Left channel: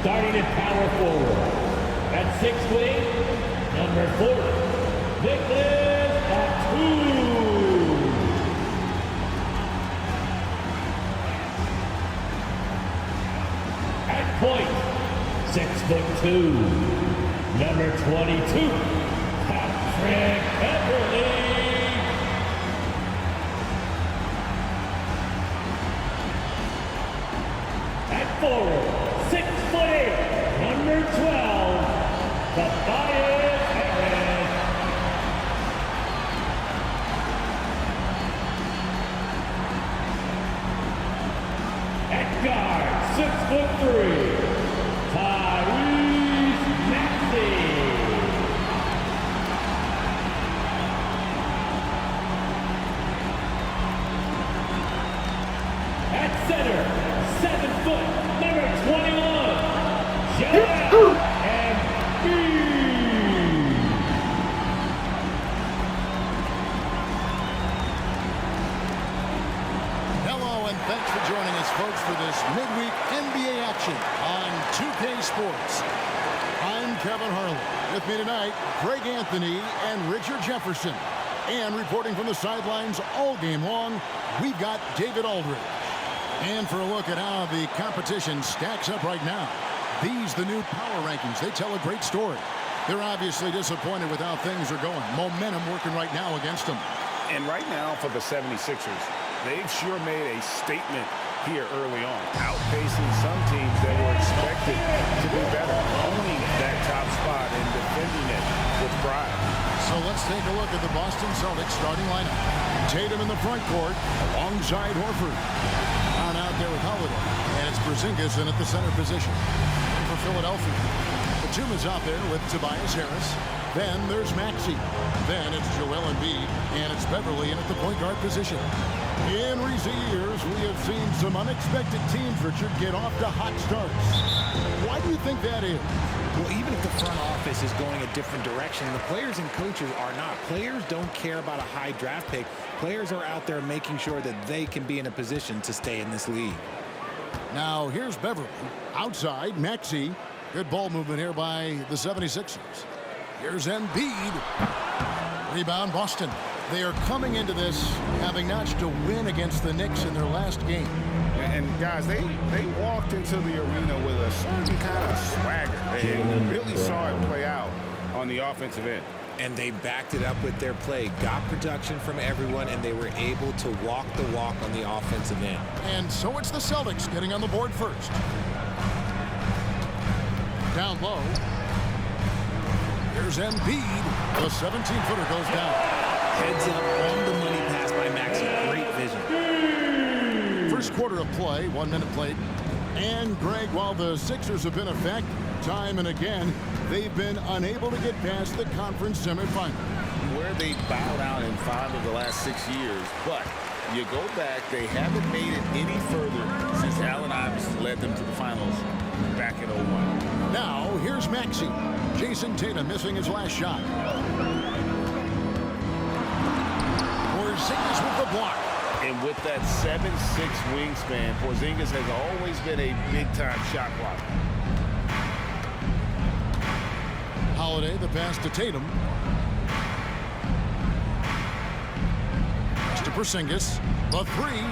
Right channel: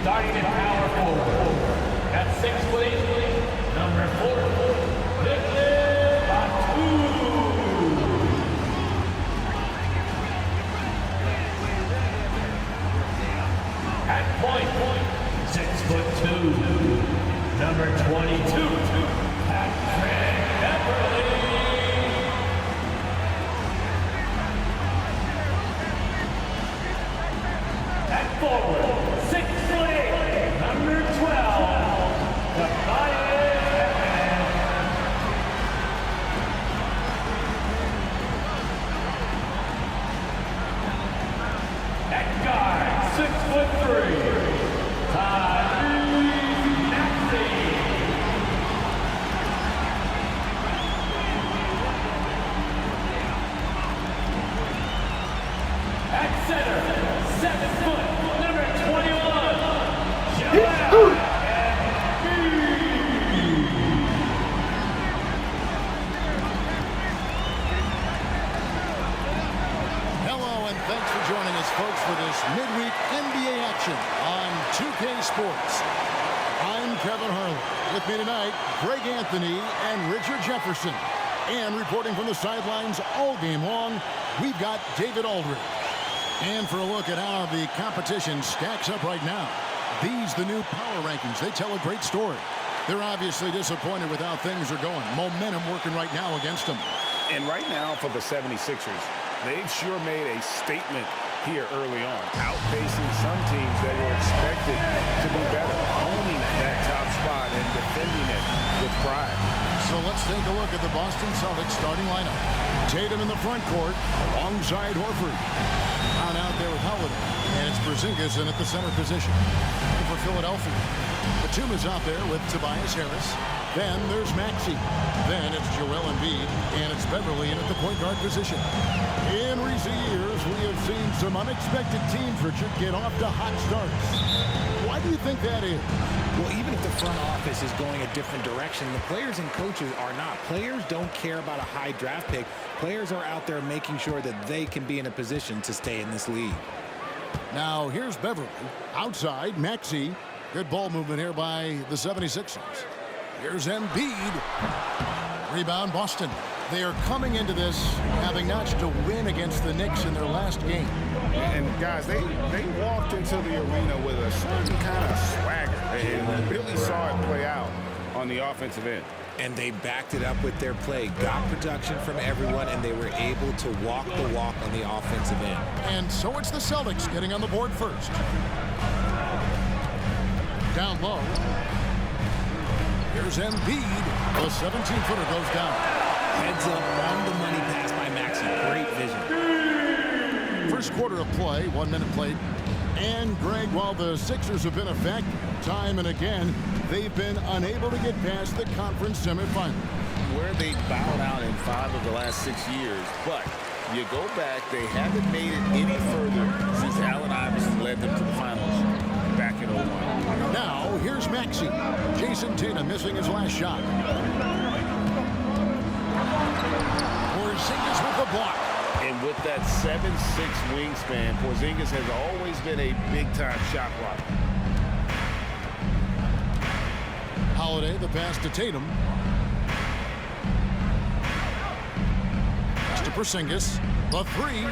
Starting at power forward. At 6'8", number 40, Nicholas Batum. At point, 6'2", number 22, Patrick Beverly. At forward, 6'8", number 12, Tobias Harris. At guard, 6'3", Tyrese Maxey. At center, 7 foot, number 21, Joel Embiid. Hello and thanks for joining us, folks, for this midweek NBA action on 2K Sports. I'm Kevin Harlan. With me tonight, Greg Anthony and Richard Jefferson. And reporting from the sidelines all game long, we've got David Aldridge. And for a look at how the competition stacks up right now, these the new power rankings. They tell a great story. They're obviously disappointed with how things are going. Momentum working right now against them. And right now for the 76ers, they've sure made a statement here early on, outpacing some teams that were expected to be better, owning that top spot and defending it with pride. So let's take a look at the Boston Celtics starting lineup. Tatum in the front court alongside Horford. On out there with Holiday, and it's Porzingis in at the center position. And for Philadelphia, Batum is out there with Tobias Harris. Then there's Maxey. Then it's Joel Embiid, and it's Beverly in at the point guard position. In recent years, we have seen some unexpected teams, Richard, get off to hot starts. Why do you think that is? Well, even if the front office is going a different direction, the players and coaches are not. Players don't care about a high draft pick. Players are out there making sure that they can be in a position to stay in this league. Now, here's Beverly. Outside, Maxey. Good ball movement here by the 76ers. Here's Embiid. Rebound, Boston. They are coming into this having notched a win against the Knicks in their last game. And guys, they walked into the arena with a certain kind of swagger. They really saw it play out on the offensive end. And they backed it up with their play, got production from everyone, and they were able to walk the walk on the offensive end. And so it's the Celtics getting on the board first. Down low. Here's Embiid. The 17-footer goes down. Heads up on the money pass by Maxey. Great vision. First quarter of play, 1 minute played. And Greg, while the Sixers have been a factor time and again, they've been unable to get past the conference semifinal. Where they bowed out in 5 of the last 6 years, but you go back, they haven't made it any further since Allen Iverson led them to the finals back in 01. Now, here's Maxey. Jason Tatum missing his last shot. Porzingis with the block. And with that 7'6" wingspan, Porzingis has always been a big-time shot blocker. Holiday, the pass to Tatum. Pass to Porzingis. The three.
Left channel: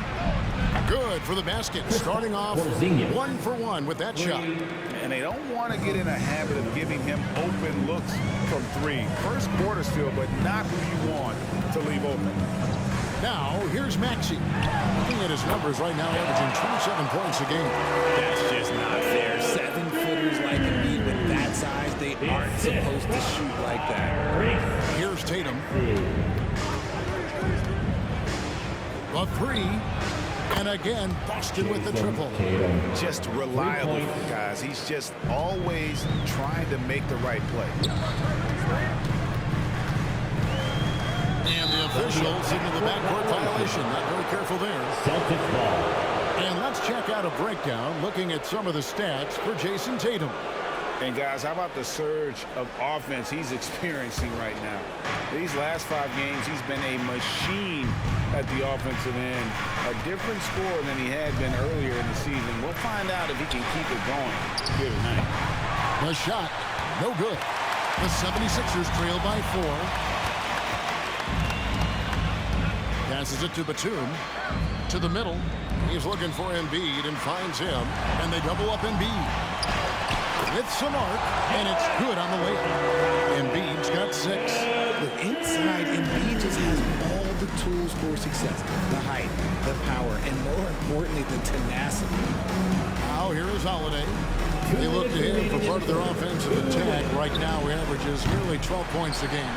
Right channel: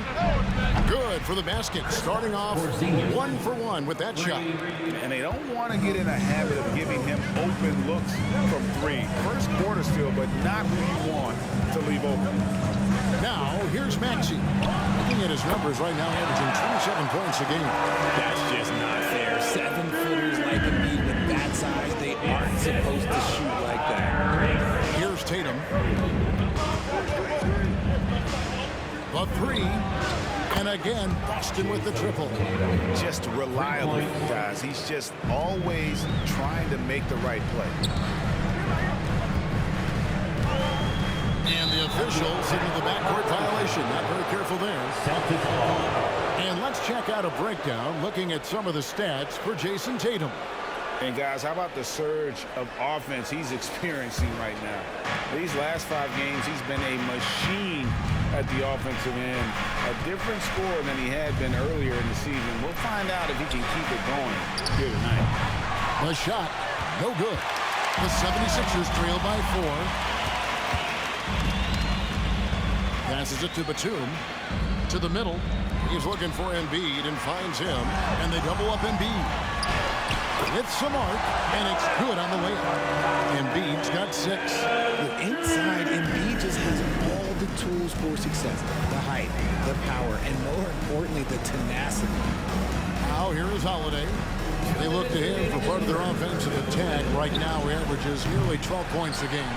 Good for the basket. Starting off 1 for 1 with that shot. And they don't want to get in a habit of giving him open looks from 3. First quarter still, but not who you want to leave open. Now, here's Maxey. Looking at his numbers right now, averaging 27 points a game. That's just not fair. 7-footers like Embiid with that size, they aren't supposed to shoot like that. Here's Tatum. The three. And again, Boston with the triple. Just reliable, guys. He's just always trying to make the right play. And the official signaled the backcourt violation. Not very careful there. And let's check out a breakdown looking at some of the stats for Jason Tatum. And guys, how about the surge of offense he's experiencing right now? These last 5 games, he's been a machine at the offensive end. A different score than he had been earlier in the season. We'll find out if he can keep it going here tonight. The shot, no good. The 76ers trail by 4. Passes it to Batum. To the middle. He's looking for Embiid and finds him. And they double up Embiid. With some arc, and it's good on the layup. Embiid's got 6. Look, inside, Embiid just has all the tools for success. The height, the power, and more importantly, the tenacity. Now here is Holiday. They look to him for part of their offensive attack. Right now, he averages nearly 12 points a game.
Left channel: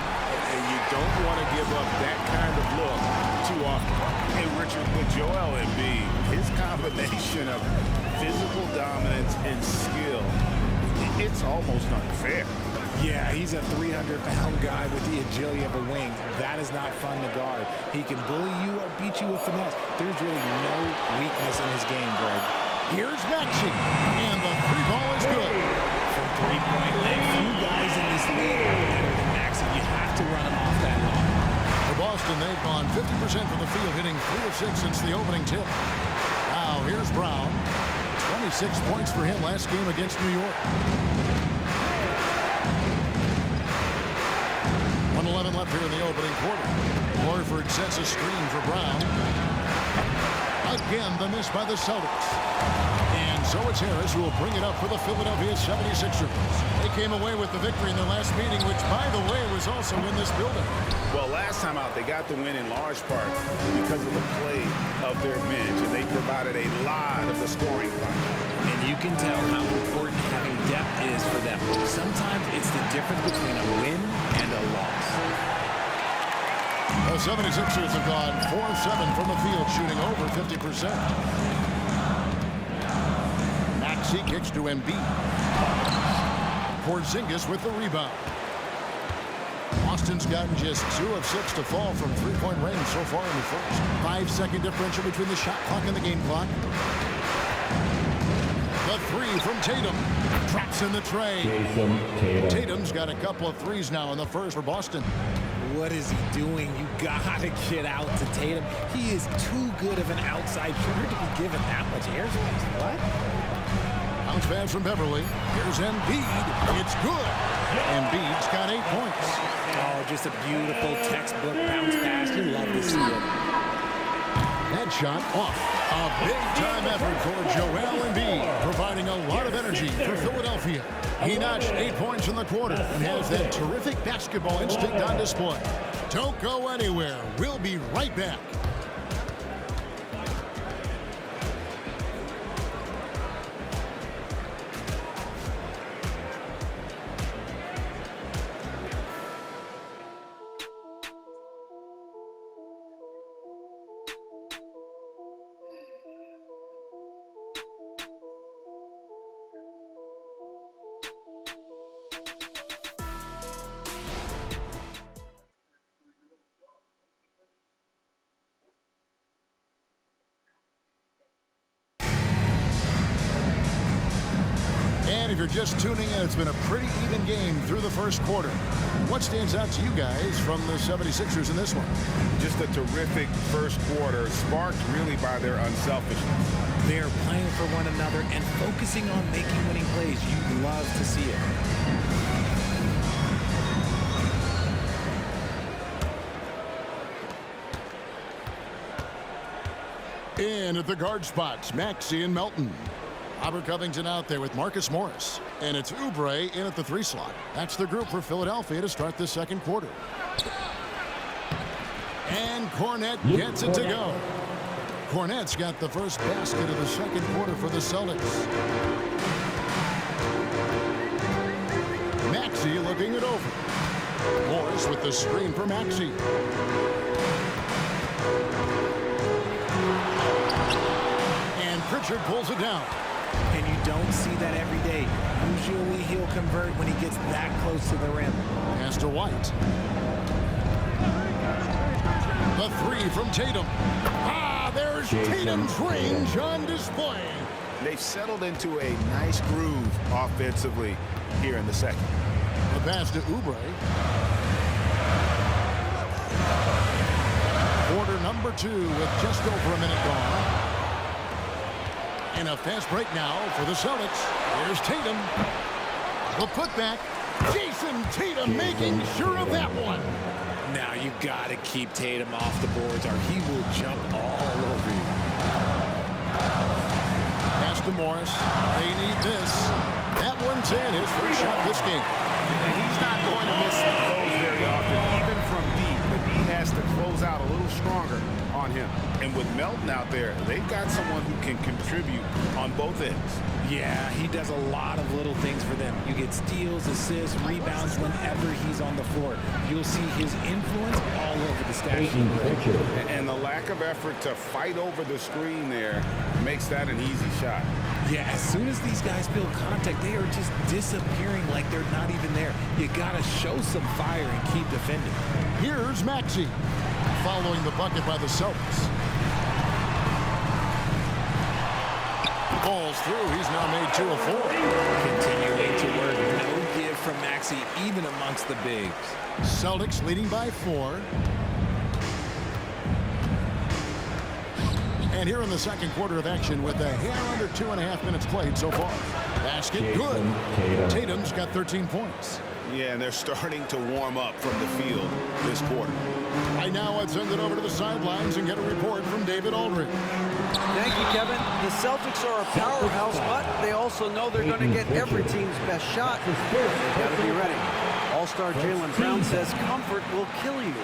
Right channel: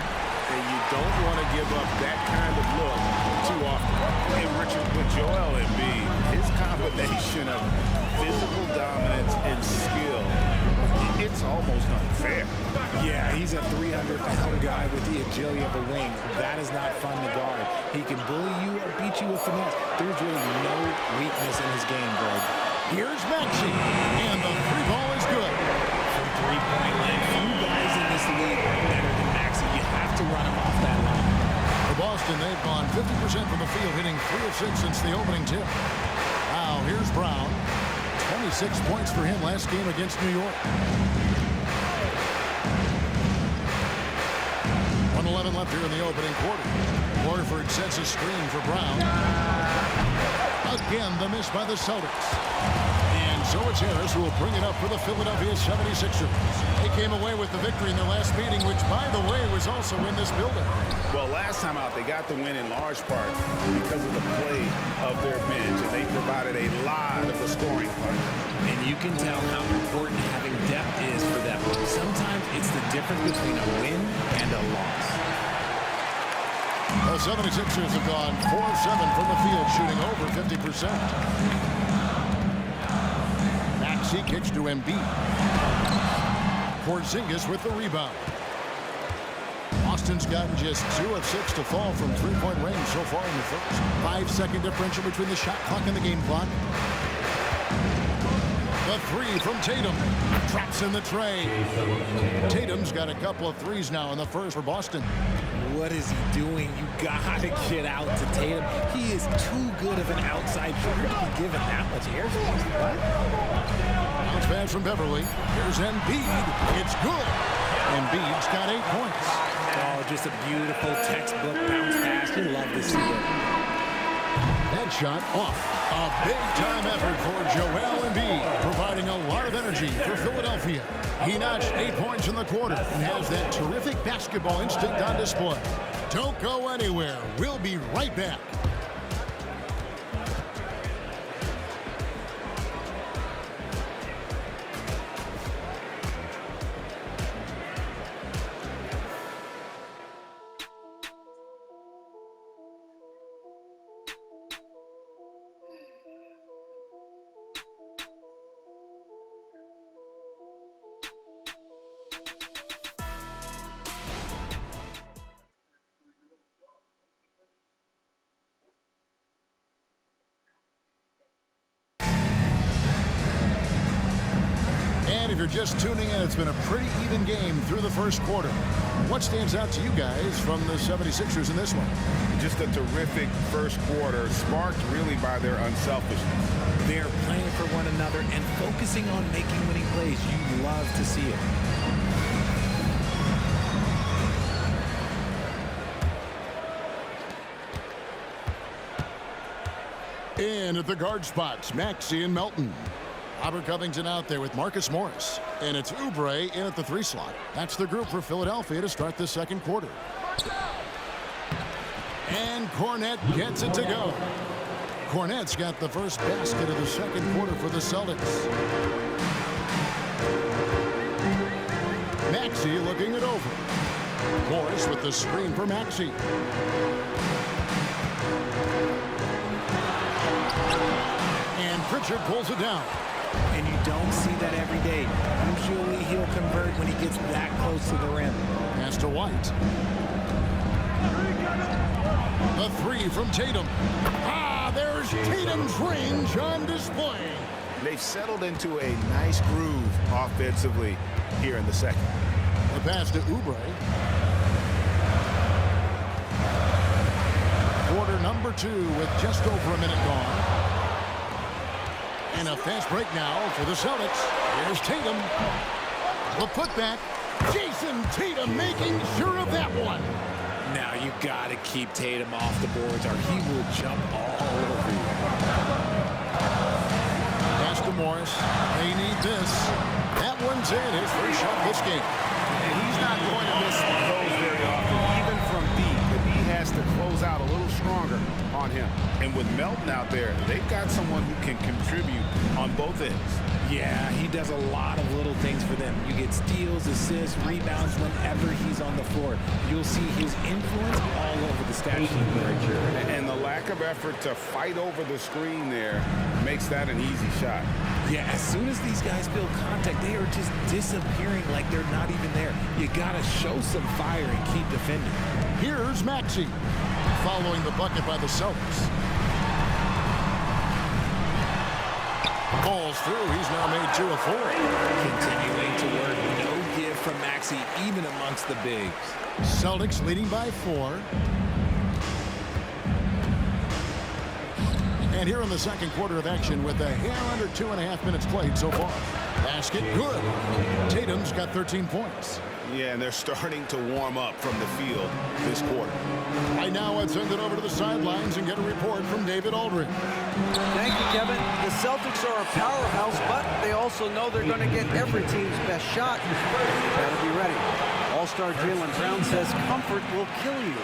And you don't want to give up that kind of look too often. And Richard, with Joel Embiid, his combination of physical dominance and skill, it's almost unfair. Yeah, he's a 300-pound guy with the agility of a wing. That is not fun to guard. He can bully you or beat you with finesse. There's really no weakness in his game, Greg. Here's Maxey, and the 3 ball is good. From 3-point land, few guys in this league are better than Maxey. You have to run him off that line. For Boston, they've gone 50% from the field, hitting 3 of 6 since the opening tip. Now here's Brown. 26 points for him last game against New York. 1:11 left here in the opening quarter. Horford sets a screen for Brown. Again, the miss by the Celtics. And so it's Harris who will bring it up for the Philadelphia 76ers. They came away with the victory in their last meeting, which, by the way, was also in this building. Well, last time out, they got the win in large part because of the play of their bench, and they provided a lot of the scoring punch. And you can tell how important having depth is for them. Sometimes it's the difference between a win and a loss. The 76ers have gone 4 of 7 from the field, shooting over 50%. Maxey kicks to Embiid. Porzingis with the rebound. Boston's gotten just 2 of 6 to fall from 3-point range so far in the first. 5-second differential between the shot clock and the game clock. The 3 from Tatum. Traps in the tray. Tatum's got a couple of threes now in the first for Boston. What is he doing? You gotta get out to Tatum. He is too good of an outside shooter to be given that much airspace. What? Bounce pass from Beverly. Here's Embiid. It's good. Embiid's got 8 points. Oh, just a beautiful textbook bounce pass. You love to see it. That shot off. A big-time effort for Joel Embiid, providing a lot of energy for Philadelphia. He notched 8 points in the quarter and has that terrific basketball instinct on display. Don't go anywhere. We'll be right back. And if you're just tuning in, it's been a pretty even game through the first quarter. What stands out to you guys from the 76ers in this one? Just a terrific first quarter, sparked really by their unselfishness. They're playing for one another and focusing on making winning plays. You love to see it. In at the guard spots, Maxey and Melton. Robert Covington out there with Marcus Morris. And it's Oubre in at the 3 slot. That's the group for Philadelphia to start the second quarter. And Cornet gets it to go. Cornet's got the first basket of the second quarter for the Celtics. Maxey looking it over. Morris with the screen for Maxey. And Pritchard pulls it down. And you don't see that every day. Usually he'll convert when he gets that close to the rim. Pass to White. The 3 from Tatum. There's Tatum's range on display. They've settled into a nice groove offensively. here in the second. The pass to Oubre. Quarter number 2 with just over a minute gone. And a fast break now for the Celtics. Here's Tatum. The putback. Jason Tatum making sure of that one. Now you got to keep Tatum off the boards or he will jump all over you. Pass to Morris. They need this. That one's in. His first shot this game. And he's not going to miss those very often, even from deep. But he has to close out a little stronger on him. And with Melton out there, they've got someone who can contribute on both ends. Yeah, he does a lot of little things for them. You get steals, assists, rebounds whenever he's on the floor. You'll see his influence all over the stat sheet. And the lack of effort to fight over the screen there makes that an easy shot. Yeah, as soon as these guys feel contact, they are just disappearing like they're not even there. You got to show some fire and keep defending. Here's Maxey following the bucket by the Celtics. Ball's through. He's now made 2 of 4. Continuing to work. No give from Maxey, even amongst the bigs. Celtics leading by 4. And here in the second quarter of action with a hair under 2.5 minutes played so far. Basket good. Tatum's got 13 points. Yeah, and they're starting to warm up from the field this quarter. Right now, let's send it over to the sidelines and get a report from David Aldridge. Thank you, Kevin. The Celtics are a powerhouse, but they also know they're going to get every team's best shot, and they've got to be ready. All-star Jaylen Brown says comfort will kill you.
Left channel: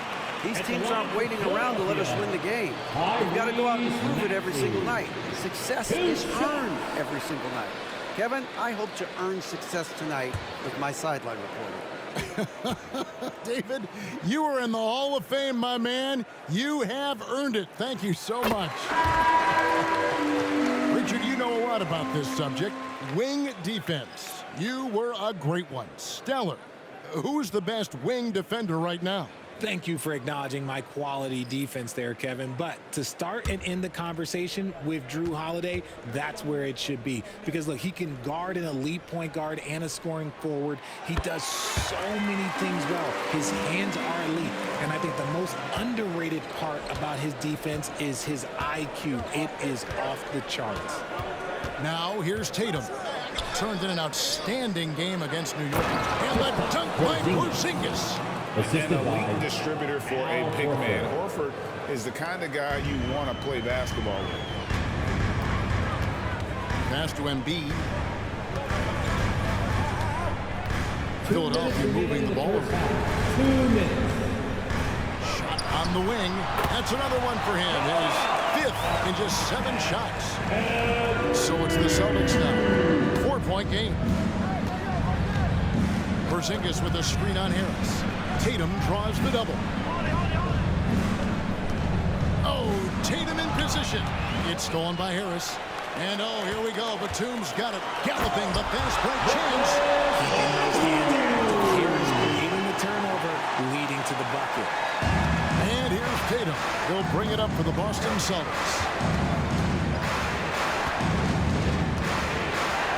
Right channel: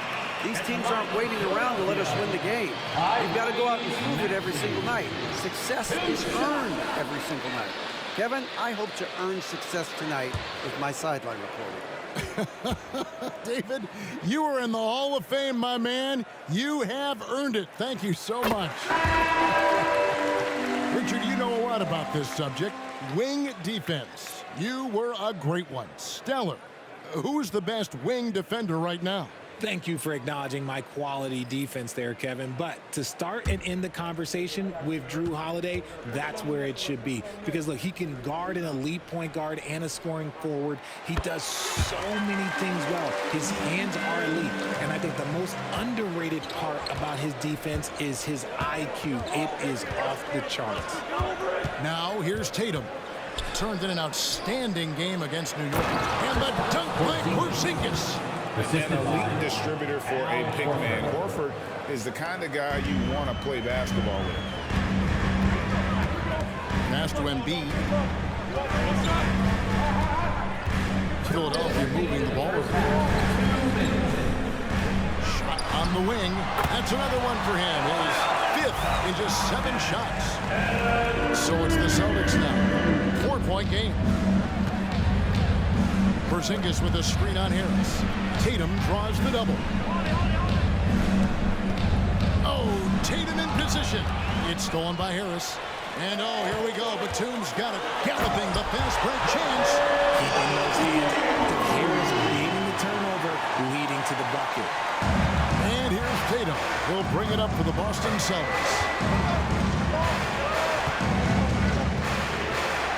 These teams aren't waiting around to let us win the game. We've got to go out and prove it every single night. Success is earned every single night. Kevin, I hope to earn success tonight with my sideline reporting. David, you are in the Hall of Fame, my man. You have earned it. Thank you so much. Richard, you know a lot about this subject. Wing defense. You were a great one. Stellar. Who's the best wing defender right now? Thank you for acknowledging my quality defense there, Kevin. But to start and end the conversation with Drew Holiday, that's where it should be. Because, look, he can guard an elite point guard and a scoring forward. He does so many things well. His hands are elite. And I think the most underrated part about his defense is his IQ. It is off the charts. Now, here's Tatum. Turned in an outstanding game against New York. And the dunk by Porzingis. An elite distributor for a big man. Horford is the kind of guy you want to play basketball with. Pass to Embiid. Philadelphia moving the ball around. Shot on the wing. That's another one for him. His 5th in just 7 shots. So it's the Celtics now. 4-point game. Porzingis with a screen on Harris. Tatum draws the double. Oh, Tatum in position. It's stolen by Harris. And oh, here we go. Batum's got it. Galloping the fast break chance. Keeping those hands active. Harris creating the turnover, leading to the bucket. And here's Tatum. He'll bring it up for the Boston Celtics.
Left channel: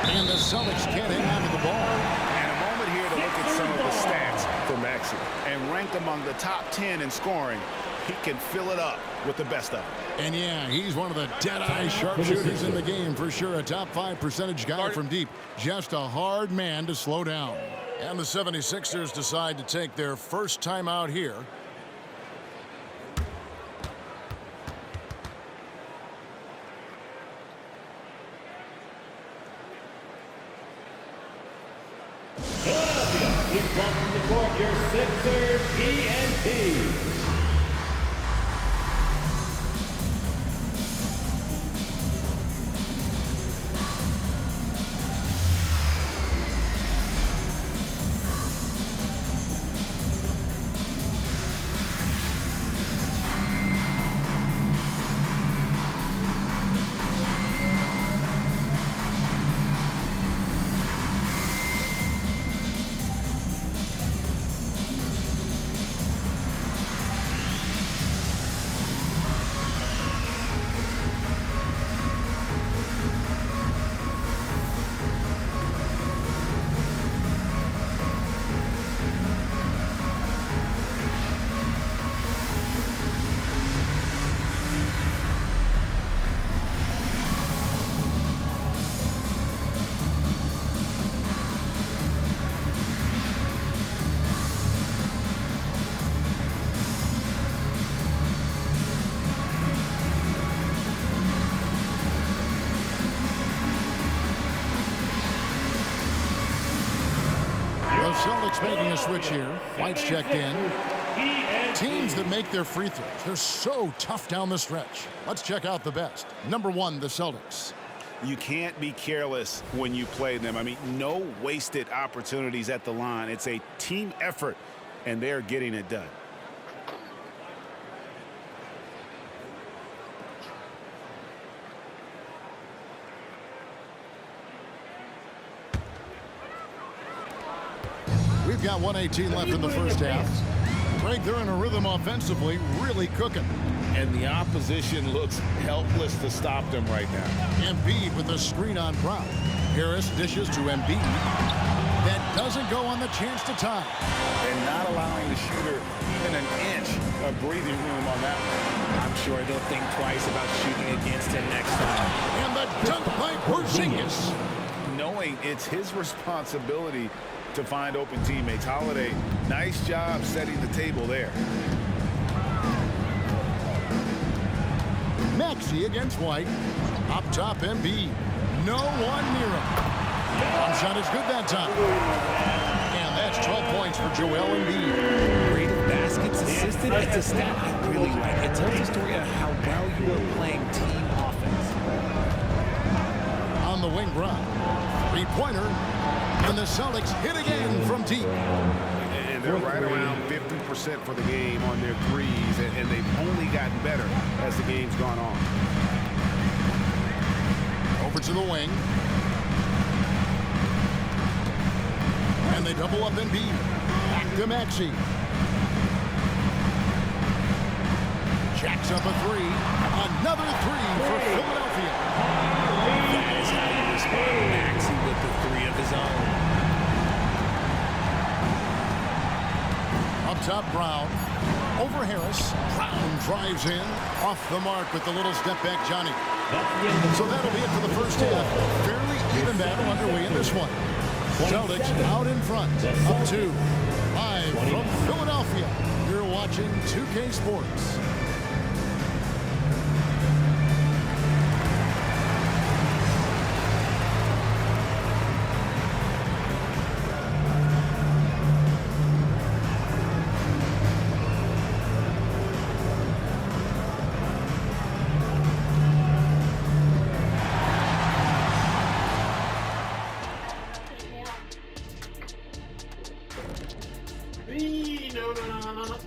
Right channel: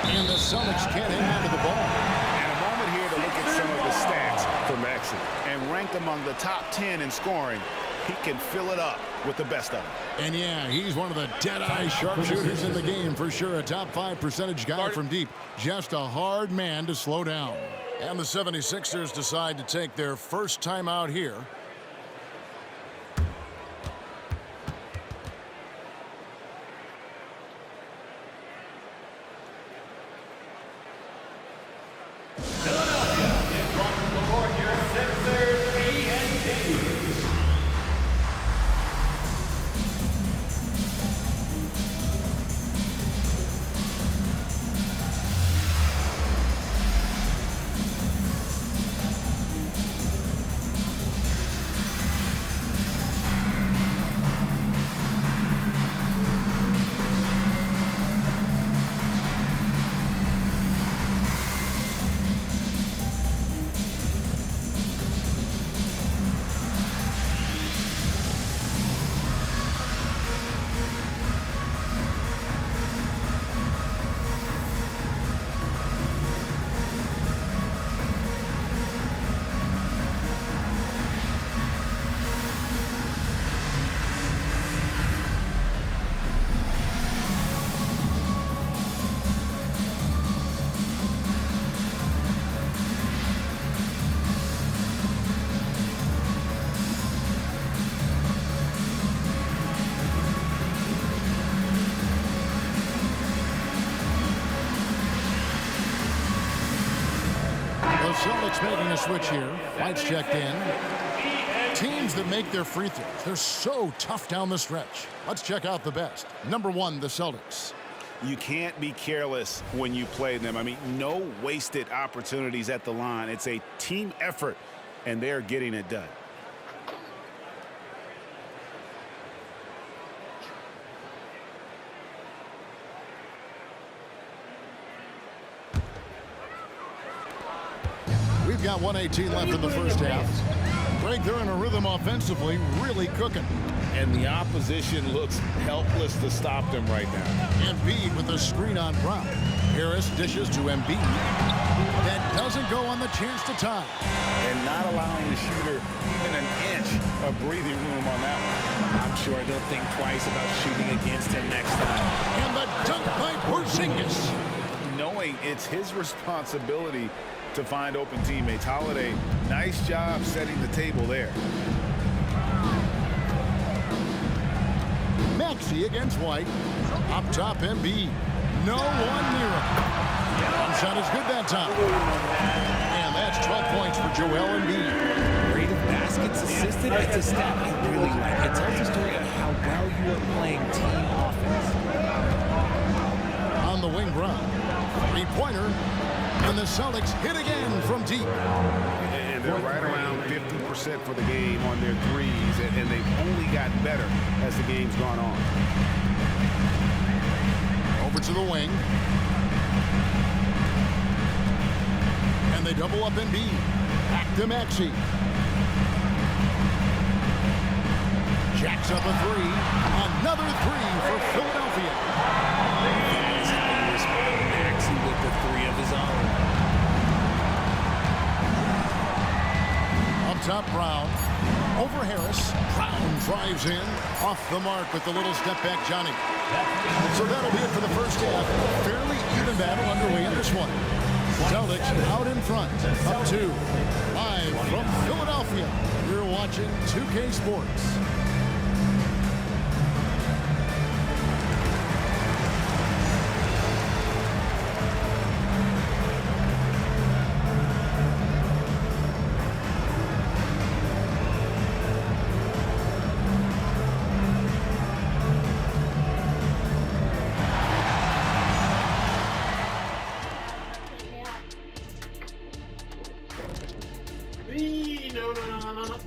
And the Celtics can't hang on to the ball. Here to look at some of the stats for Maxey. And ranked among the top 10 in scoring, he can fill it up with the best of them. And yeah, he's one of the dead-eye sharpshooters in the game for sure. A top 5 percentage guy from deep. Just a hard man to slow down. And the 76ers decide to take their first time out here. Welcome to court your Sixers ENT. Celtics making a switch here. White's checked in. Teams that make their free throws, they're so tough down the stretch. Let's check out the best. Number 1, the Celtics. You can't be careless when you play them. I mean, no wasted opportunities at the line. It's a team effort, and they're getting it done. We've got 1:18 left in the first half. Greg, they're in a rhythm offensively, really cooking. And the opposition looks helpless to stop them right now. Embiid with the screen on Brown. Harris dishes to Embiid. That doesn't go on the chance to tie. And not allowing the shooter even an inch of breathing room on that one. I'm sure they'll think twice about shooting against him next time. And the dunk by Porzingis. Knowing it's his responsibility to find open teammates. Holiday, nice job setting the table there. Maxey against White. Up top, Embiid. No one near him. One shot is good that time. And that's 12 points for Joel Embiid. Rate of baskets assisted, it's a stat I really like. It tells the story of how well you are playing team offense. On the wing, Brown. Three-pointer. And the Celtics hit again from deep. And they're right around 50% for the game on their threes, and they've only gotten better as the game's gone on. Over to the wing. And they double up Embiid. Back to Maxey. Jacks up a three. Another three for Philadelphia. That is how you respond. Maxey with the three of his own. Up top, Brown. Over Harris. Brown drives in. Off the mark with the little step back, Johnny. So that'll be it for the first half. Fairly even battle underway in this one. Celtics out in front. Up 2. Live from Philadelphia. You're watching 2K Sports.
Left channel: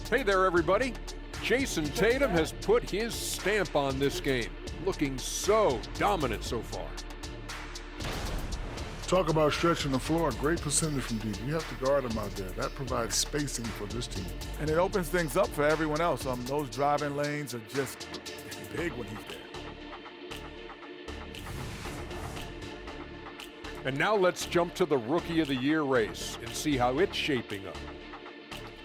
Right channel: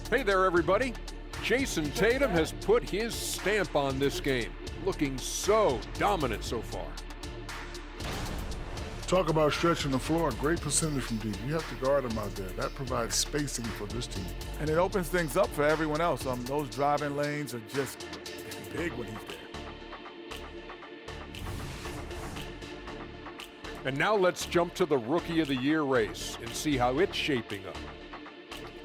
Hey there, everybody. Jason Tatum has put his stamp on this game, looking so dominant so far. Talk about stretching the floor. Great percentage from deep. You have to guard him out there. That provides spacing for this team. And it opens things up for everyone else. Those driving lanes are just big when he's there. And now let's jump to the Rookie of the Year race and see how it's shaping up.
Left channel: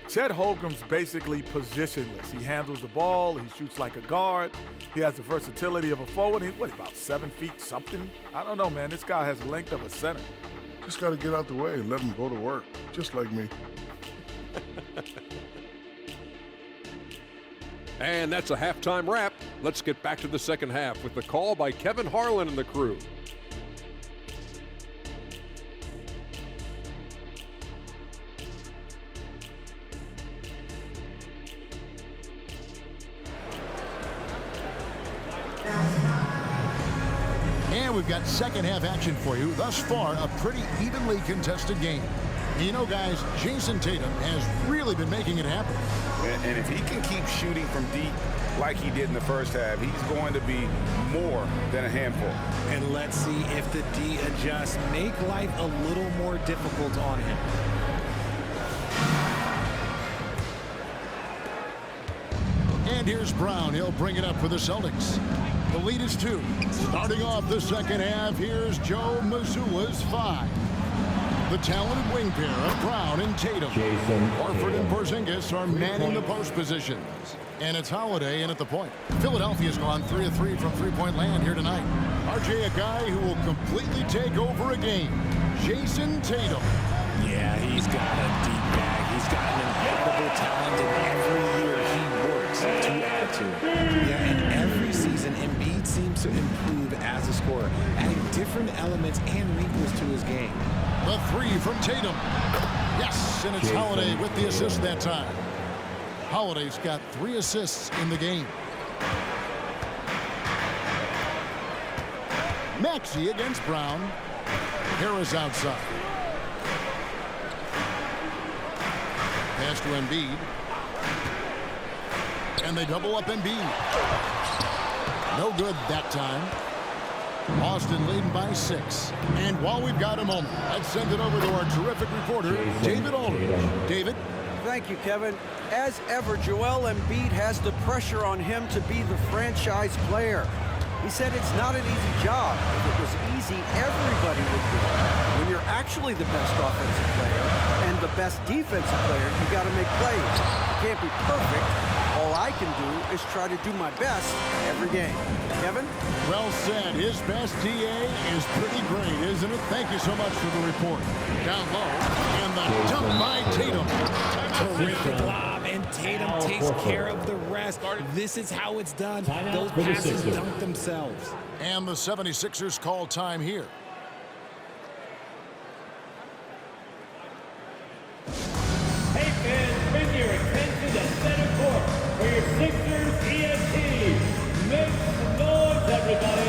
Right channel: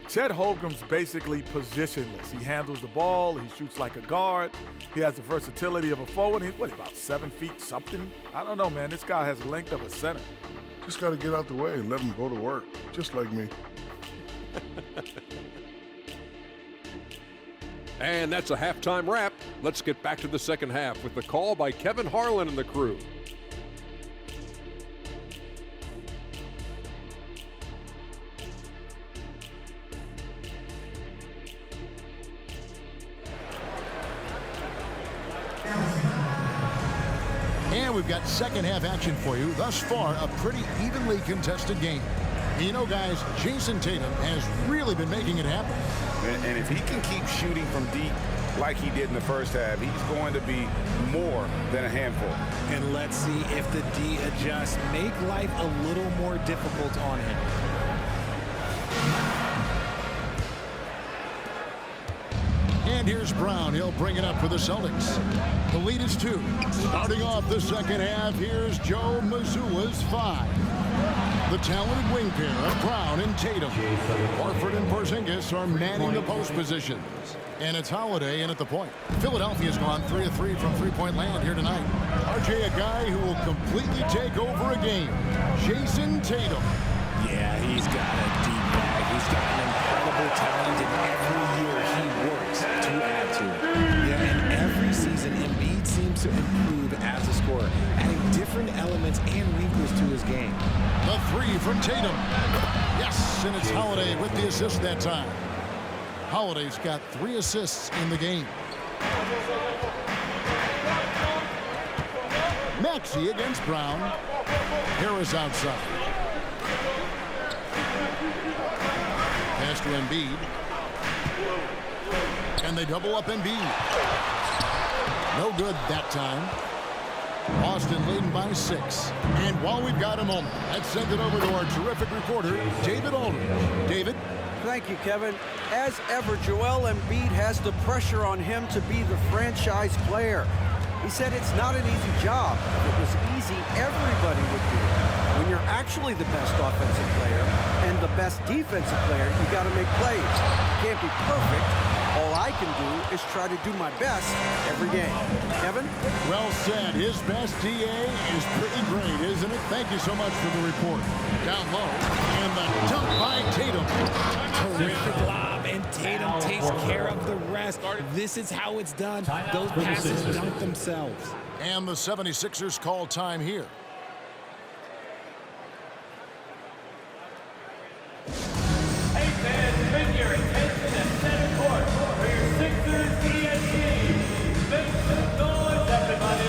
Chet Holmgren's basically positionless. He handles the ball. He shoots like a guard. He has the versatility of a forward. He's, about 7 feet something? I don't know, man. This guy has the length of a center. Just got to get out the way and let him go to work, just like me. And that's a halftime wrap. Let's get back to the second half with the call by Kevin Harlan and the crew. And we've got second half action for you. Thus far, a pretty evenly contested game. You know, guys, Jason Tatum has really been making it happen. And if he can keep shooting from deep like he did in the first half, he's going to be more than a handful. And let's see if the D adjusts, make life a little more difficult on him. And here's Brown. He'll bring it up for the Celtics. The lead is 2. Starting off the second half, here's Joe Mazzulla's 5. The talented wing pair of Brown and Tatum. Horford and Porzingis are manning the post positions. And it's Holiday in at the point. Philadelphia's gone 3 of 3 from three-point land here tonight. RJ, a guy who will completely take over a game. Jason Tatum. Yeah, he's got a deep bag. He's got an incredible talent, and every year he works blocks to add to it. Yeah, and every season, Embiid seems to improve as a scorer, adding different elements and wrinkles to his game. The three from Tatum. Yes, and it's Holiday with the assist that time. Holiday's got 3 assists in the game. Maxey against Brown. Harris outside. Pass to Embiid. And they double up Embiid. No good that time. Boston leading by 6. And while we've got a moment, let's send it over to our terrific reporter, David Aldridge. David? Thank you, Kevin. As ever, Joel Embiid has the pressure on him to be the franchise player. He said it's not an easy job. If it was easy, everybody would do it. When you're actually the best offensive player and the best defensive player, you got to make plays. You can't be perfect. All I can do is try to do my best every game. Kevin? Well said. His best DA is pretty great, isn't it? Thank you so much for the report. Down low, and the dunk by Tatum. Terrific lob, and Tatum takes care of the rest. This is how it's done. Those passes dunk themselves. And the 76ers call time here. Hey fans, bring your attention to center court for your Sixers ENT. Make some noise, everybody.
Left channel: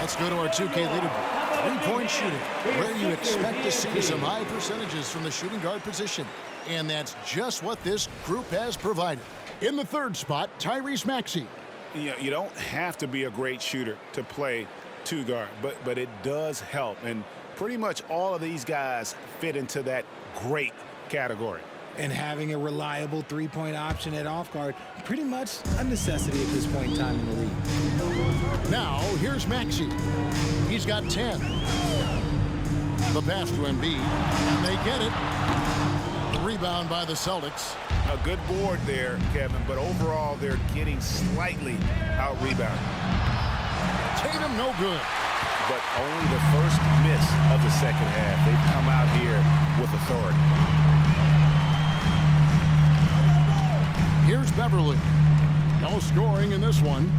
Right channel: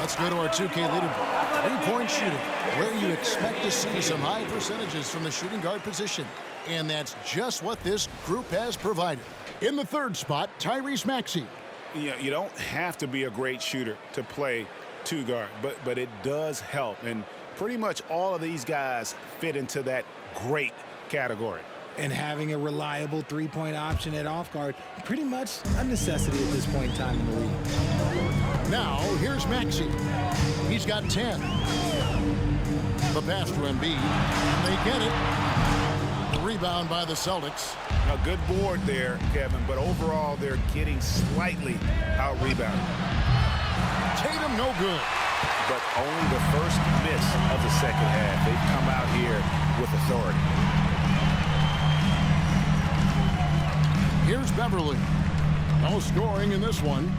Let's go to our 2K leaderboard. Three-point shooting, where you expect to see some high percentages from the shooting guard position. And that's just what this group has provided. In the 3rd spot, Tyrese Maxey. You don't have to be a great shooter to play 2 guard, but it does help. And pretty much all of these guys fit into that great category. And having a reliable 3-point option at off guard, pretty much a necessity at this point in time in the league. Now, here's Maxey. He's got 10. The pass to Embiid, and they get it. The rebound by the Celtics. A good board there, Kevin, but overall they're getting slightly out-rebounded. Tatum no good. But only the first miss of the second half. They've come out here with authority. Here's Beverly. No scoring in this one.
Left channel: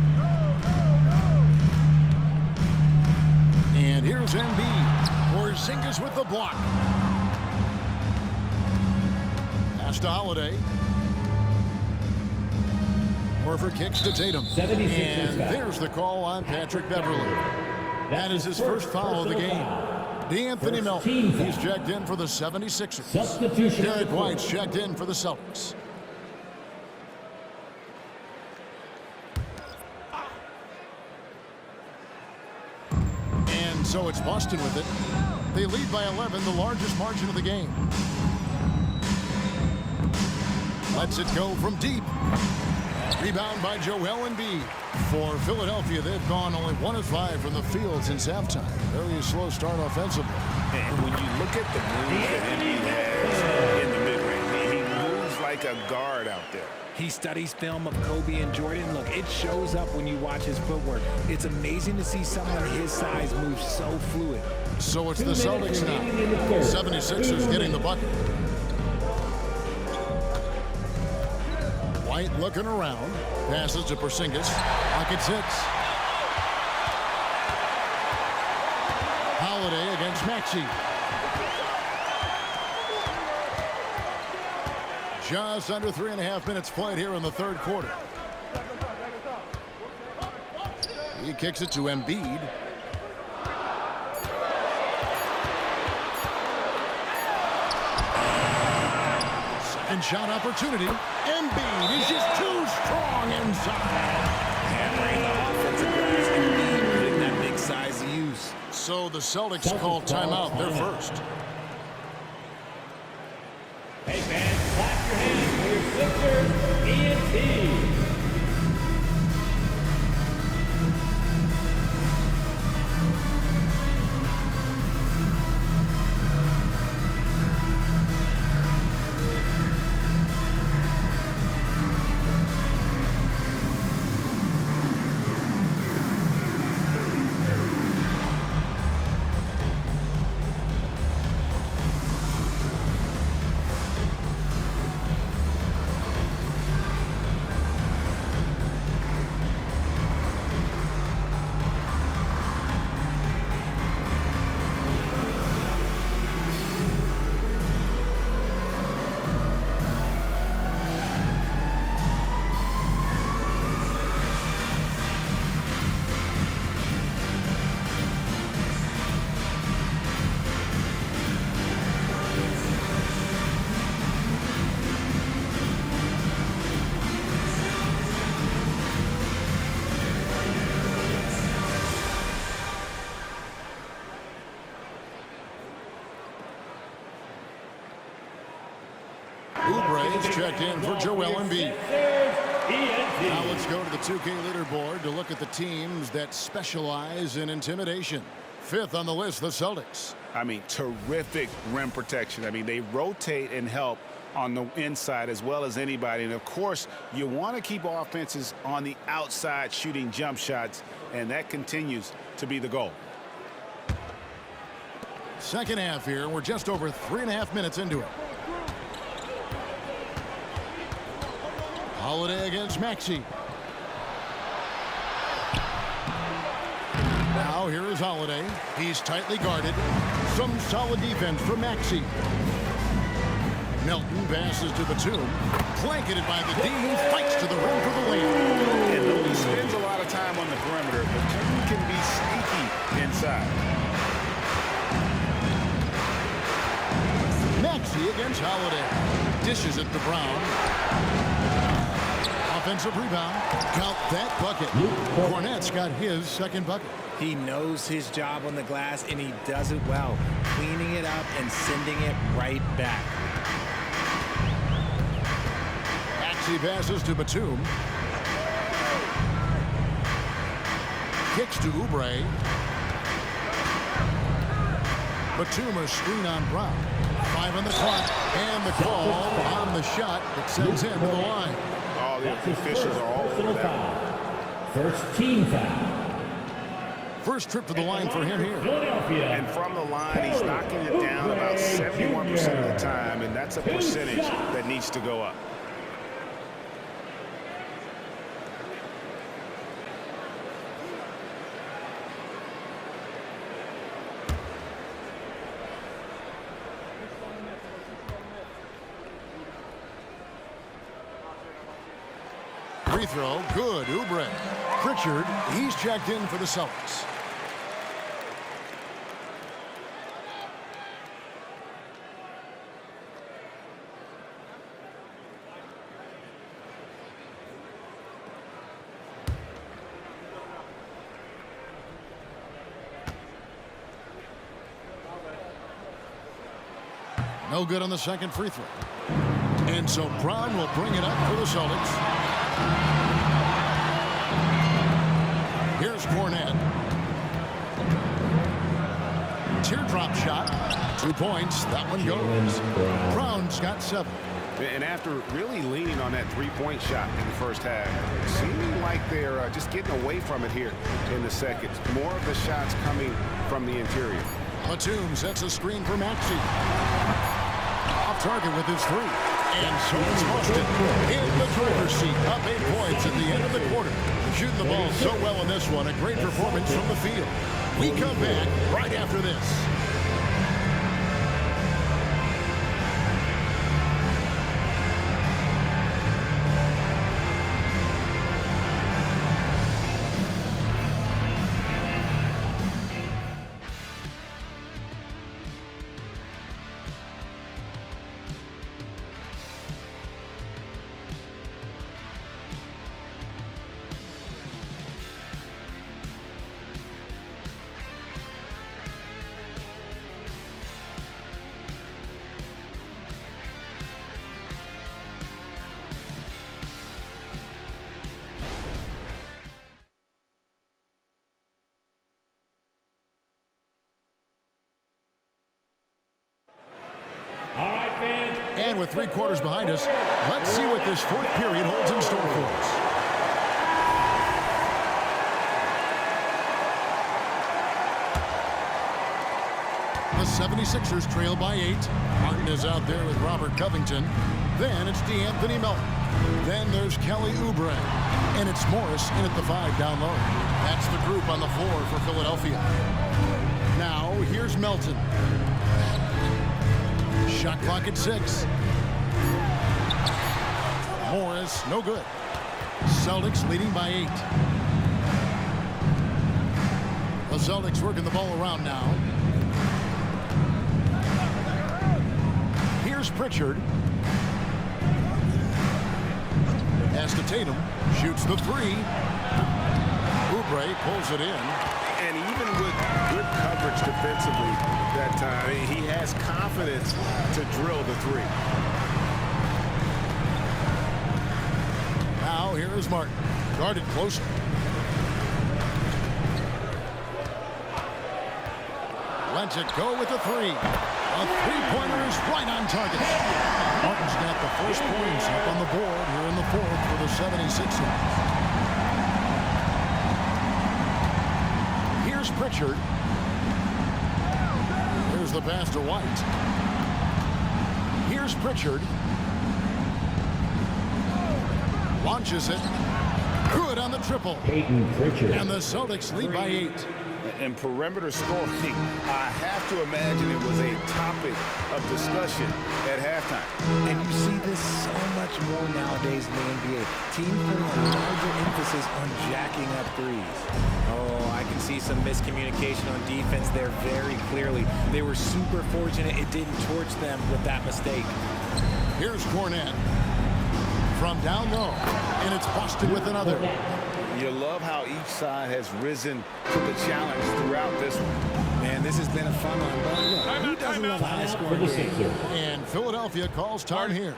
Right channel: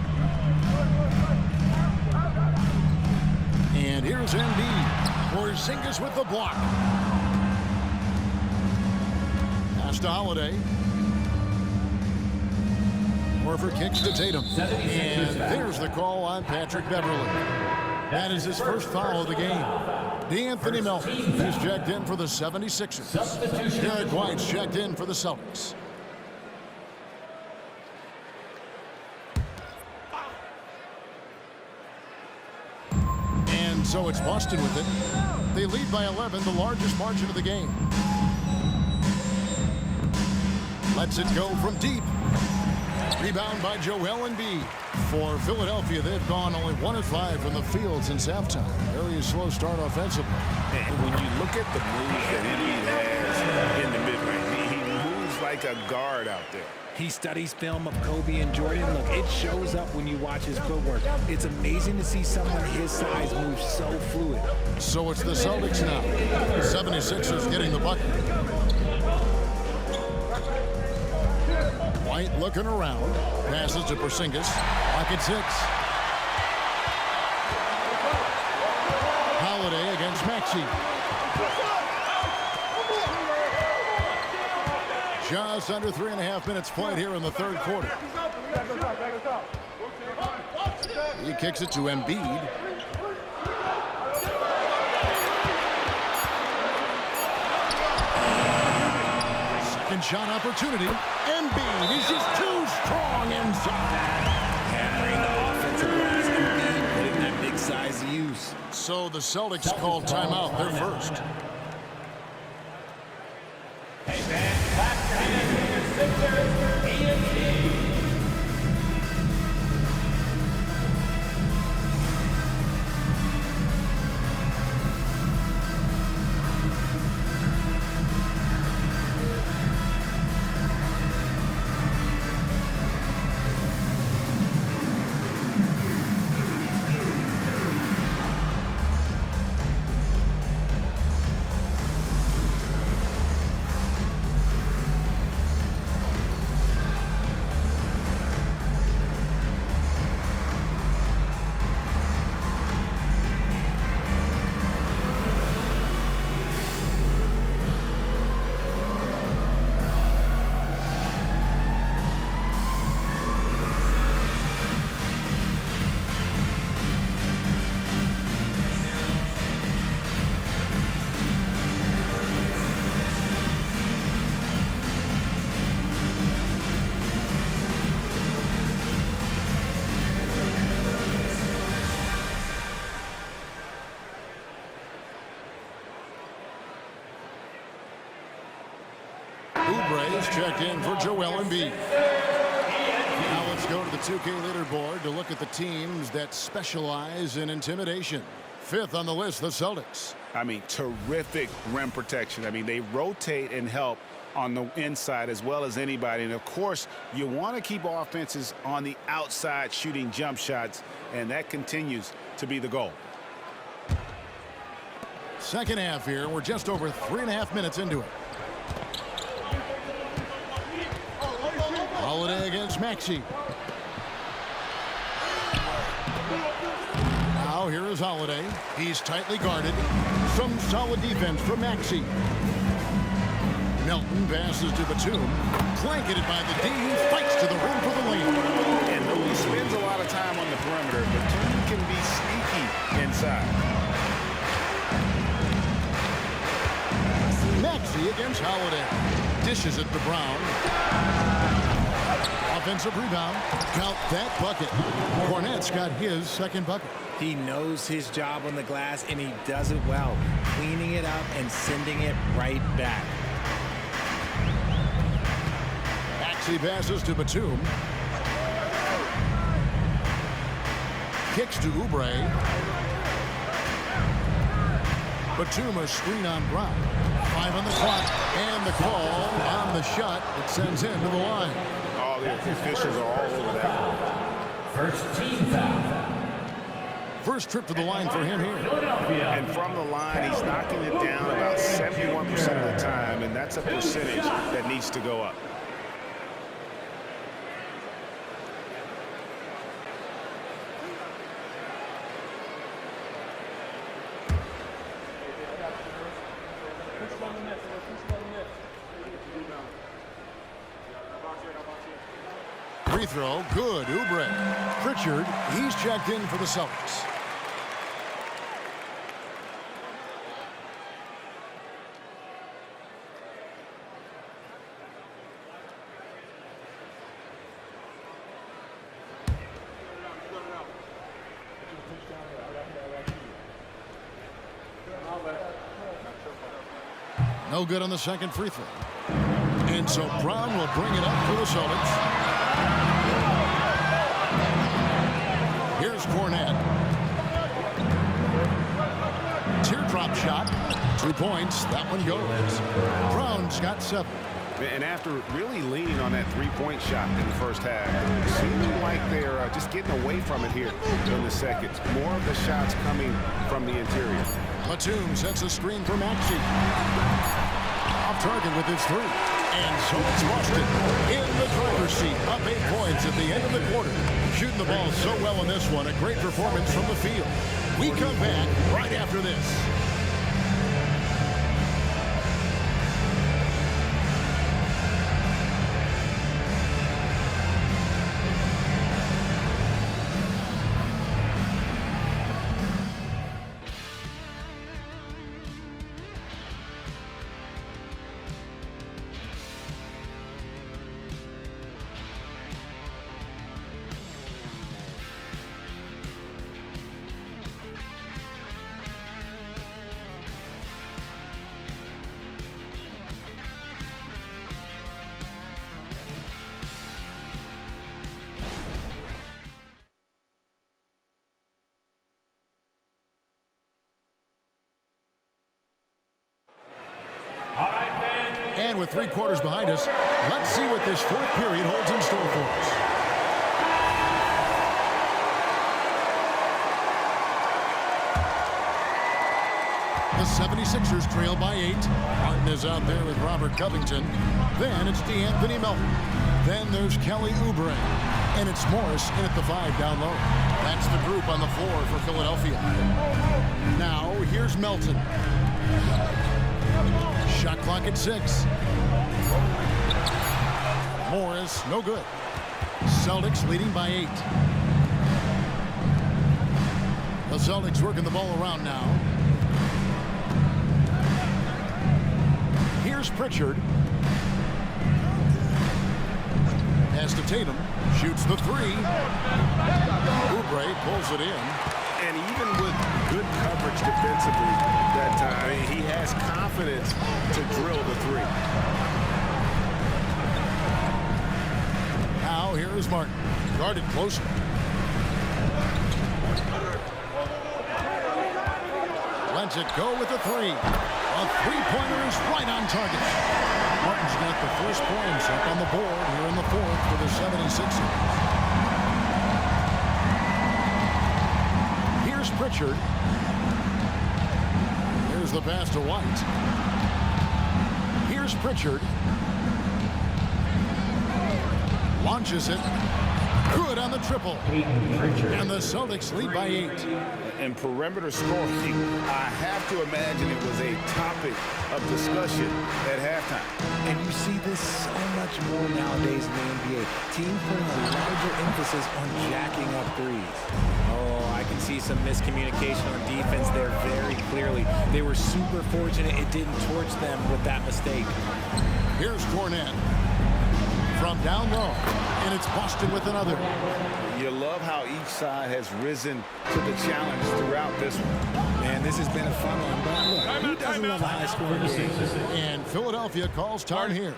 And here's Embiid. Porzingis with the block. Pass to Holiday. Horford kicks to Tatum. And there's the call on Patrick Beverly. That is his first foul of the game. DeAnthony Melton, he's checked in for the 76ers. Derek White's checked in for the Celtics. And so it's Boston with it. They lead by 11, the largest margin of the game. Lets it go from deep. Rebound by Joel Embiid. For Philadelphia, they've gone only 1 of 5 from the field since halftime. Very slow start offensively. And when you look at the moves that Embiid has in the mid-range, he moves like a guard out there. He studies film of Kobe and Jordan. Look, it shows up when you watch his footwork. It's amazing to see someone his size move so fluid. So it's the Celtics now. 76ers getting the bucket. White looking around. Passes to Porzingis. Pocket 6. Holiday against Maxey. Just under 3.5 minutes played here in the third quarter. He kicks it to Embiid. Second shot opportunity. Embiid is just too strong inside. Hammering the offensive glass. Embiid putting that big size to use. So the Celtics called timeout. They're first. Hey, man, clap your hands for your Sixers ENT. Oubre is checked in for Joel Embiid. Now let's go to the 2K leaderboard to look at the teams that specialize in intimidation. Fifth on the list, the Celtics. I mean, terrific rim protection. I mean, they rotate and help on the inside as well as anybody. And, of course, you want to keep offenses on the outside shooting jump shots, and that continues to be the goal. Second half here. We're just over 3.5 minutes into it. Holiday against Maxey. Now here is Holiday. He's tightly guarded. Some solid defense from Maxey. Melton passes to Batum. Blanketed by the D. He fights to the rim for the layup. And though he spends a lot of time on the perimeter, Batum can be sneaky inside. Maxey against Holiday. Dishes it to Brown. Offensive rebound. Count that bucket. Cornette's got his second bucket. He knows his job on the glass, and he does it well, cleaning it up and sending it right back. Maxey passes to Batum. Kicks to Oubre. Batum a screen on Brown. 5 on the clock, and the call on the shot that sends him to the line. All the officials are all over that one. First team foul. First trip to the line for him here. And from the line, he's knocking it down about 71% of the time, and that's a percentage that needs to go up. Free throw, good. Oubre. Pritchard, he's checked in for the Celtics. No good on the second free throw. And so Brown will bring it up for the Celtics. Here's Cornette. Teardrop shot. 2 points. That one goes. Brown's got 7. And after really leaning on that three-point shot in the first half, seeming like they're just getting away from it here in the second. More of the shots coming from the interior. Batum sets a screen for Maxey. Off target with his 3. And so it's Boston in the driver's seat, up 8 points at the end of the quarter. Shooting the ball so well in this one, a great performance from the field. We come back right after this. And with 3 quarters behind us, let's see what this 4th period holds in store for us. The 76ers trail by 8. Martin is out there with Robert Covington. Then it's DeAnthony Melton. Then there's Kelly Oubre. And it's Morris in at the 5 down low. That's the group on the floor for Philadelphia. Now here's Melton. Shot clock at 6. Morris, no good. Celtics leading by 8. The Celtics working the ball around now. Here's Pritchard. Pass to Tatum. Shoots the 3. Oubre pulls it in. And even with good coverage defensively that time, he has confidence to drill the 3. Now here is Martin. Guarded closer. Lets it go with the 3. A 3-pointer is right on target. Martin's got the first points up on the board here in the 4th for the 76ers. Here's Pritchard. Here's the pass to White. Here's Pritchard. Launches it. Good on the triple. And the Celtics lead by 8. And perimeter scoring, I have to imagine it was a topic of discussion at halftime. And you see this so much more nowadays in the NBA. Teams putting a larger emphasis on jacking up threes. Oh, I can see some miscommunication on defense there very clearly. They were super fortunate it didn't torch them with that mistake. Here's Cornette from down low, and it's busted with another. You love how each side has risen to the challenge throughout this one. Man, this has been a fun one, but look, who doesn't love a high-scoring game? And Philadelphia calls time here.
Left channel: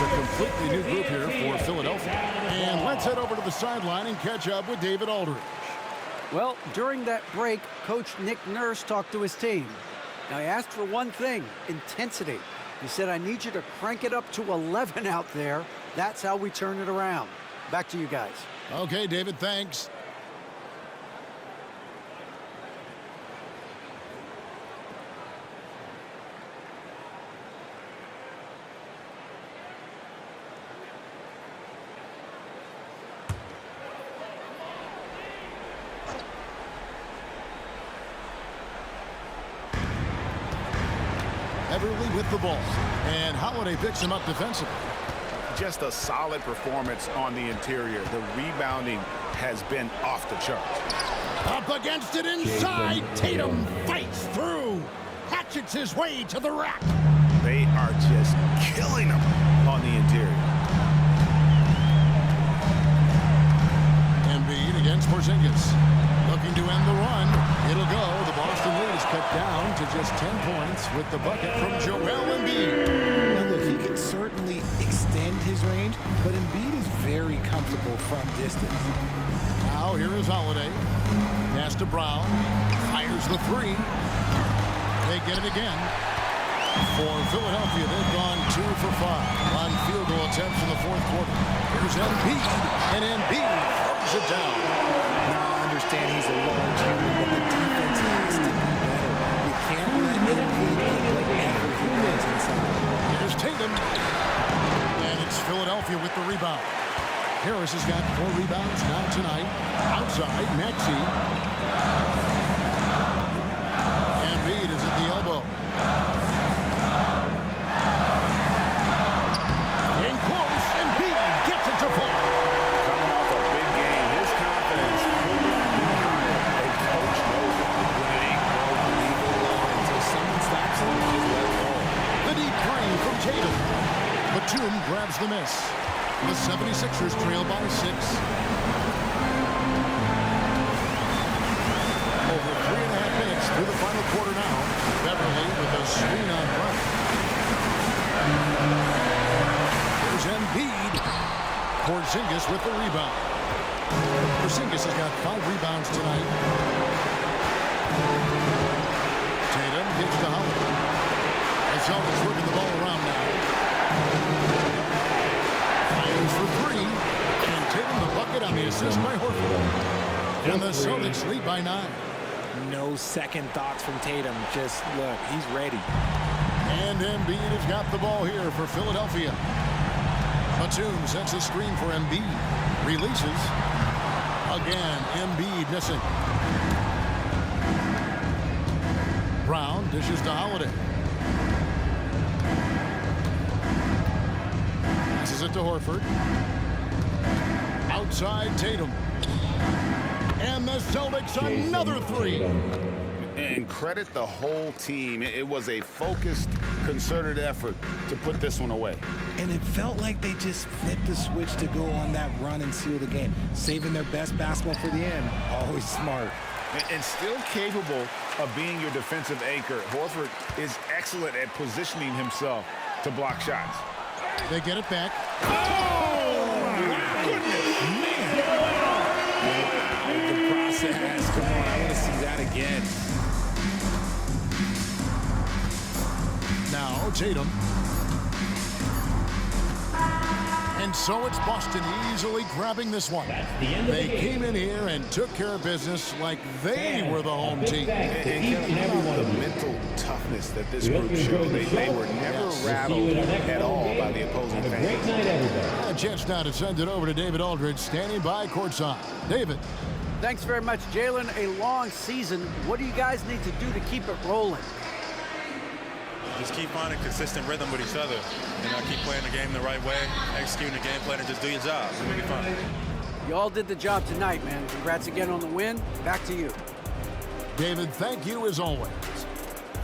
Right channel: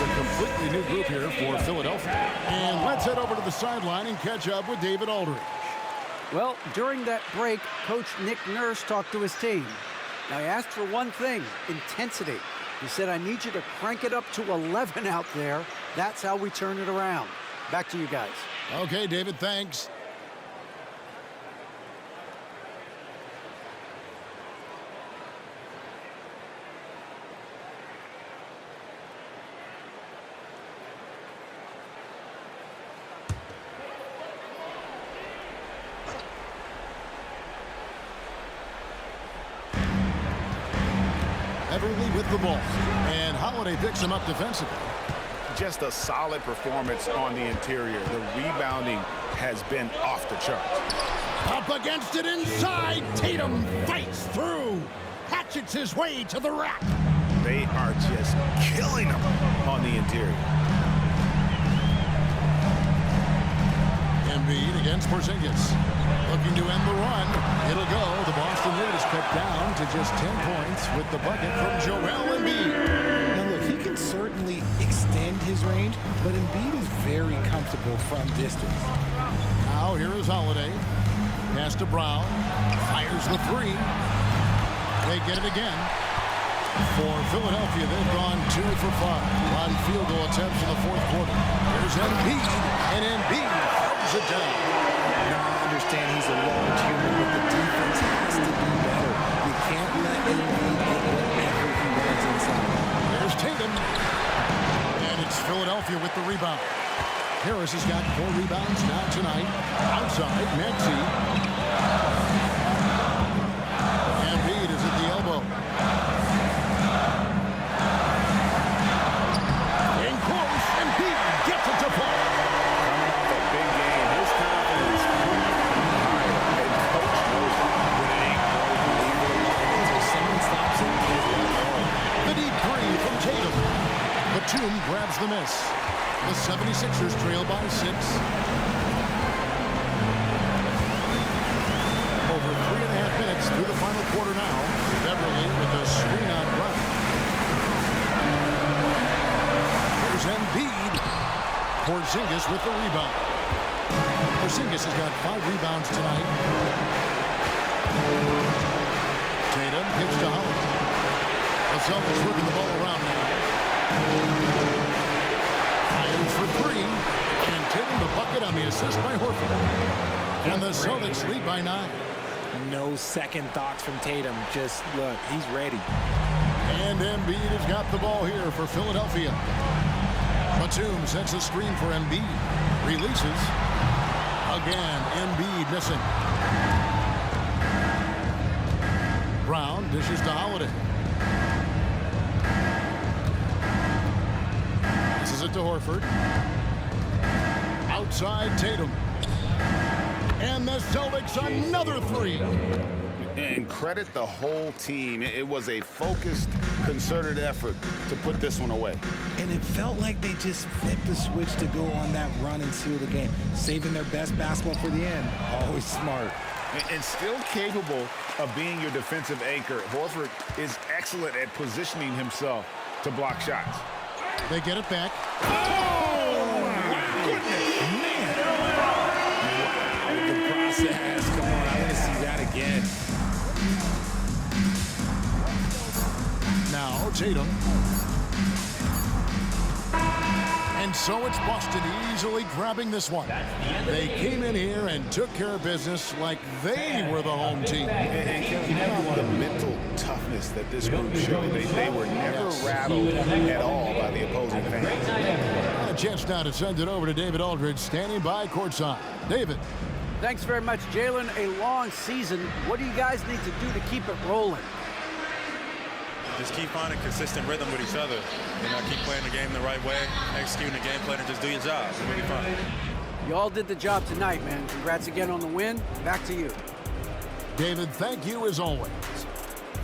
A completely new group here for Philadelphia. And let's head over to the sideline and catch up with David Aldridge. Well, during that break, Coach Nick Nurse talked to his team. Now, he asked for one thing, intensity. He said, I need you to crank it up to 11 out there. That's how we turn it around. Back to you guys. Okay, David, thanks. Everly with the ball, and Holiday picks him up defensively. Just a solid performance on the interior. The rebounding has been off the charts. Up against it inside. Tatum fights through. Hatchets his way to the rack. They are just killing him on the interior. Embiid against Porzingis. Looking to end the run. It'll go. The Boston lead is cut down to just 10 points with the bucket from Joel Embiid. Now, look, he can certainly extend his range, but Embiid is very comfortable from distance. Now, here is Holiday. Pass to Brown. Fires the three. They get it again. For Philadelphia, they've gone 2 for 5 on field goal attempts in the fourth quarter. Here's Embiid, and Embiid throws it down. Now, I understand he's a large human, but the defense has to be better. You can't let Embiid get whatever he wants inside. Here's Tatum. And it's Philadelphia with the rebound. Harris has got 4 rebounds now tonight. Outside, Maxey. Embiid is at the elbow. In close, Embiid gets it to fall. Coming off a big game, his confidence couldn't be higher, and coach knows it. When it ain't broke, leave it alone until someone stops him. Just let it roll. The deep three from Tatum. Batum grabs the miss. The 76ers trail by 6. Over 3.5 minutes through the final quarter now. Beverly with a screen on Brown. Here's Embiid. Porzingis with the rebound. Porzingis has got 5 rebounds tonight. Tatum kicks to Holiday. The Celtics working the ball around now. Fires for 3. And Tatum the bucket on the assist by Horford. And the Celtics lead by 9. No second thoughts from Tatum. Just look, he's ready. And Embiid has got the ball here for Philadelphia. Batum sets a screen for Embiid. Releases. Again, Embiid missing. Brown dishes to Holiday. Passes it to Horford. Outside Tatum. And the Celtics another 3. And credit the whole team. It was a focused, concerted effort to put this one away. And it felt like they just flipped the switch to go on that run and seal the game. Saving their best basketball for the end. Always smart. And still capable of being your defensive anchor. Horford is excellent at positioning himself to block shots. They get it back. Oh, my goodness, man. Wow, the process. Come on, I want to see that again. Now Tatum. And so it's Boston easily grabbing this one. They came in here and took care of business like they were the home team. And Kevin, how about the mental toughness that this group showed? They were never rattled at all by the opposing fans. A chance now to send it over to David Aldridge, standing by courtside. David. Thanks very much, Jalen. A long season. What do you guys need to do to keep it rolling? Just keep finding consistent rhythm with each other. You know, keep playing the game the right way, executing the game plan, and just do your job. We'll be fine. You all did the job tonight, man. Congrats again on the win. Back to you. David, thank you as always.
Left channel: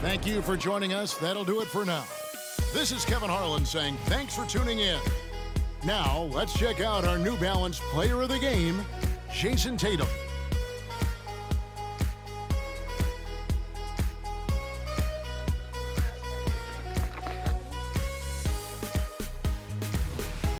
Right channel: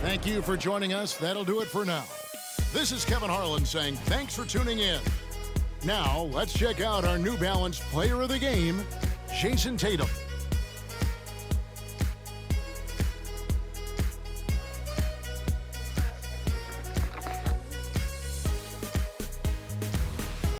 Thank you for joining us. That'll do it for now. This is Kevin Harlan saying thanks for tuning in. Now, let's check out our New Balance player of the game, Jason Tatum.